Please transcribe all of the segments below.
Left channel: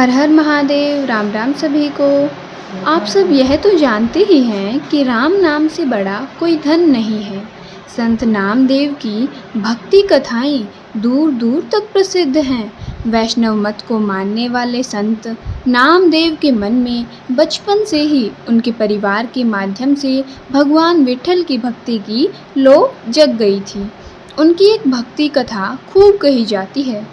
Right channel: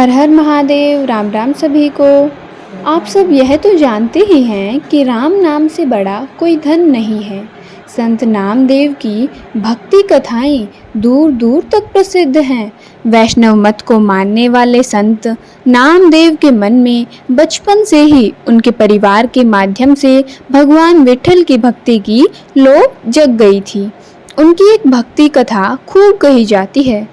हर हर महादेव। राम राम सभी को। आप सब यह तो जानते ही हैं कि राम नाम से बड़ा कोई धन नहीं है। संत नामदेव की भक्ति कथाएं दूर दूर तक प्रसिद्ध हैं। वैष्णव मत को मानने वाले संत नामदेव के मन में बचपन से ही उनके परिवार के माध्यम से भगवान विठल की भक्ति की लौ जग गई थी। उनकी एक भक्ति कथा खूब कही जाती है।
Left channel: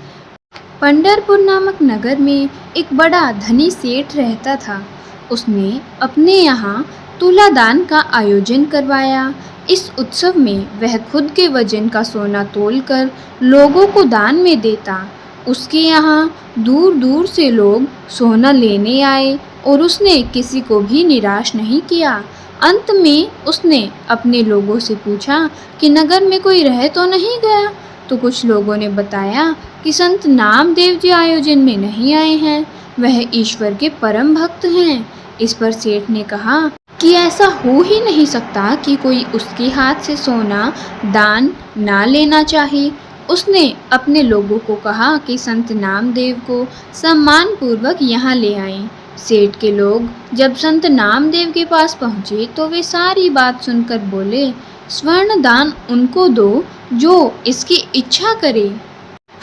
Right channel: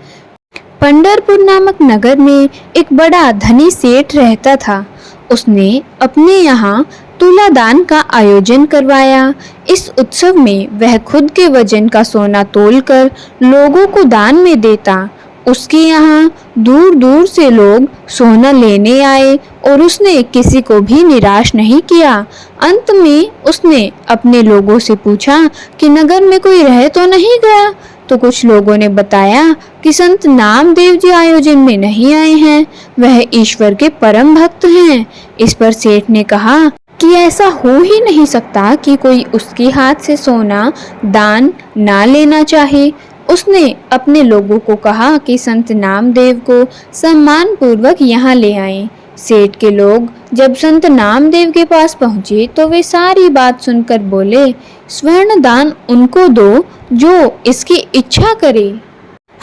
पंढरपुर नामक नगर में एक बड़ा धनी सेठ रहता था। उसने अपने यहाँ तुलादान का आयोजन करवाया। इस उत्सव में वह खुद के वजन का सोना तोलकर लोगों को दान में देता। उसके यहाँ दूर दूर से लोग सोना लेने आए और उसने किसी को भी निराश नहीं किया। अंत में उसने अपने लोगों से पूछा कि नगर में कोई रह तो नहीं गया। तो कुछ लोगों ने बताया कि संत नामदेव जी आयोजन में नहीं आए हैं, वह ईश्वर के परम भक्त हैं। इस पर सेठ ने कहा कि ऐसा हो ही नहीं सकता कि कोई उसके हाथ से सोना दान ना लेना चाहे। उसने अपने लोगों को कहा कि संत नामदेव को सम्मान पूर्वक यहाँ ले आएं। सेठ के लोग जब संत नामदेव के पास पहुँचे तो वे सारी बात सुनकर बोले, स्वर्ण दान उनको दो जो इसकी इच्छा करे,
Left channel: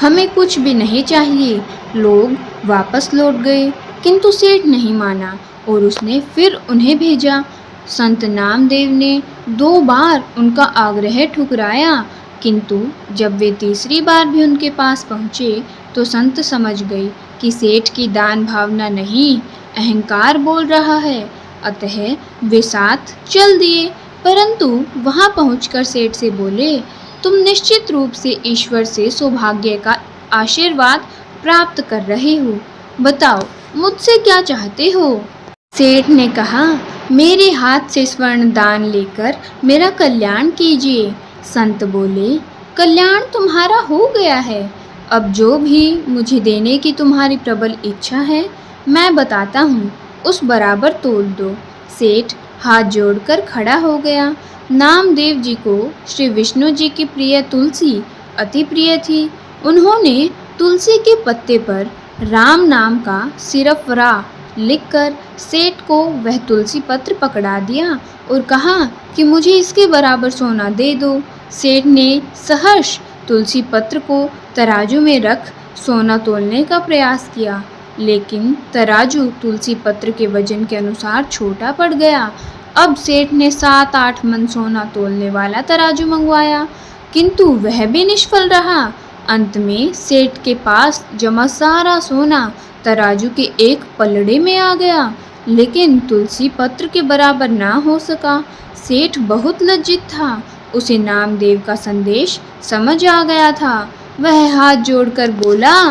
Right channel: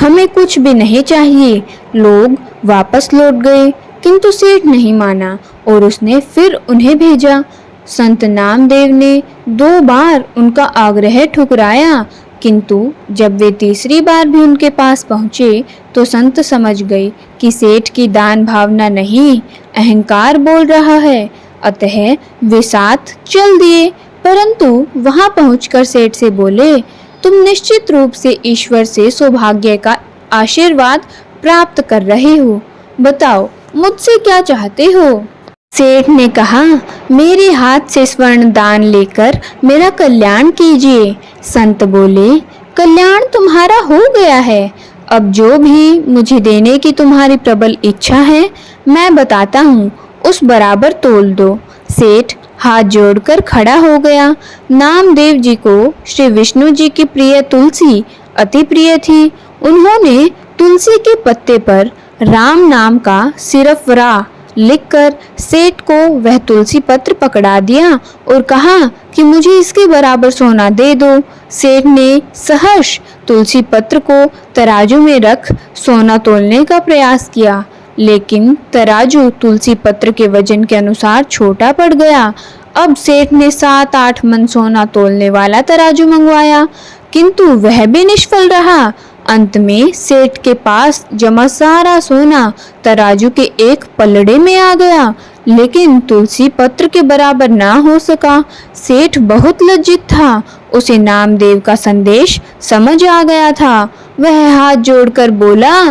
हमें कुछ भी नहीं चाहिए। लोग वापस लौट गए, किंतु सेठ नहीं माना और उसने फिर उन्हें भेजा। संत नामदेव ने 2 बार उनका आग्रह ठुकराया, किंतु जब वे तीसरी बार भी उनके पास पहुँचे तो संत समझ गए कि सेठ की दान भावना नहीं, अहंकार बोल रहा है। अतः वे साथ चल दिए। परंतु वहां पहुंचकर सेठ से बोले, तुम निश्चित रूप से ईश्वर से सौभाग्य का आशीर्वाद प्राप्त कर रहे हो, बताओ मुझसे क्या चाहते हो। सेठ ने कहा, मेरे हाथ से स्वर्ण दान लेकर मेरा कल्याण कीजिए। संत बोले, कल्याण तुम्हारा हो गया है, अब जो भी मुझे देने की तुम्हारी प्रबल इच्छा है मैं बताता हूँ, उस बराबर तोल दो। सेठ हाथ जोड़कर खड़ा हो गया। नामदेव जी को श्री विष्णु जी की प्रिय तुलसी अति प्रिय थी। उन्होंने तुलसी के पत्ते पर राम नाम का सिर्फ रा लिखकर सेठ को वह तुलसी पत्र पकड़ा दिया और कहा कि मुझे इसके बराबर सोना दे दो। सेठ ने सहर्ष तुलसी पत्र को तराजू में रख सोना तोलने का प्रयास किया, लेकिन तराजू तुलसी पत्र के वजन के अनुसार छोटा पड़ गया। अब सेठ ने 7-8 मन सोना तोलने वाला तराजू मंगवाया, किंतु वह भी निष्फल रहा। अंत में सेठ के पास जमा सारा सोना तराजू के एक पलड़े में आ गया, लेकिन तुलसी पत्र के बराबर ना हो सका। सेठ बहुत लज्जित था। उसे नामदेव का संदेश समझ आ गया था। वह हाथ जोड़कर बोला,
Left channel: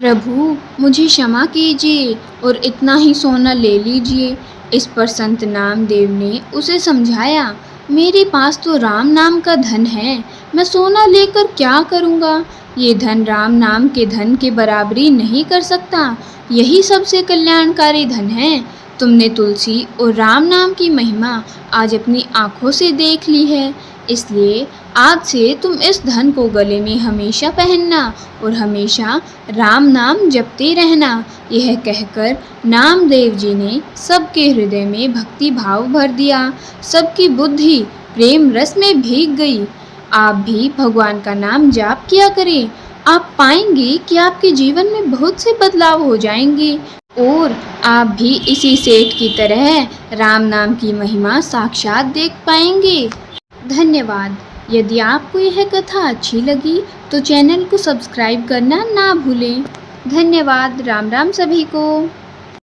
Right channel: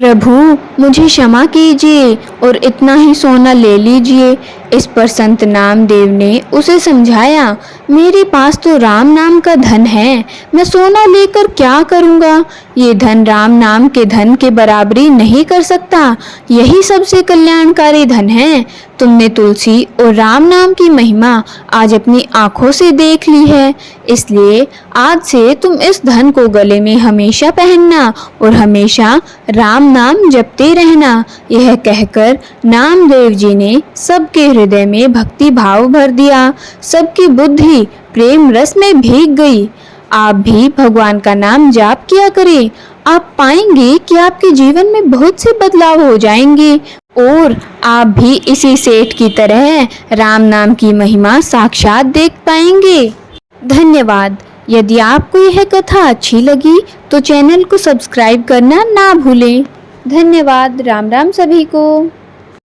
प्रभु मुझे क्षमा कीजिए और इतना ही सोना ले लीजिए। इस पर संत नामदेव ने उसे समझाया, मेरे पास तो राम नाम का धन है, मैं सोना लेकर क्या करूँगा। ये धन राम नाम के धन के बराबरी नहीं कर सकता, यही सबसे कल्याणकारी धन है। तुमने तुलसी और राम नाम की महिमा आज अपनी आँखों से देख ली है, इसलिए आज से तुम इस धन को गले में हमेशा पहनना और हमेशा राम नाम जपते रहना। यह कहकर नामदेव जी ने सबके हृदय में भक्ति भाव भर दिया। सबकी बुद्धि प्रेम रस में भीग गई। आप भी भगवान का नाम जाप किया करें, आप पाएंगे कि आपके जीवन में बहुत से बदलाव हो जाएंगे और आप भी इसी सेठ की तरह राम नाम की महिमा साक्षात देख पाएंगे। धन्यवाद। यदि आपको यह कथा अच्छी लगी तो चैनल को सब्सक्राइब करना ना भूलें। धन्यवाद। राम राम सभी को।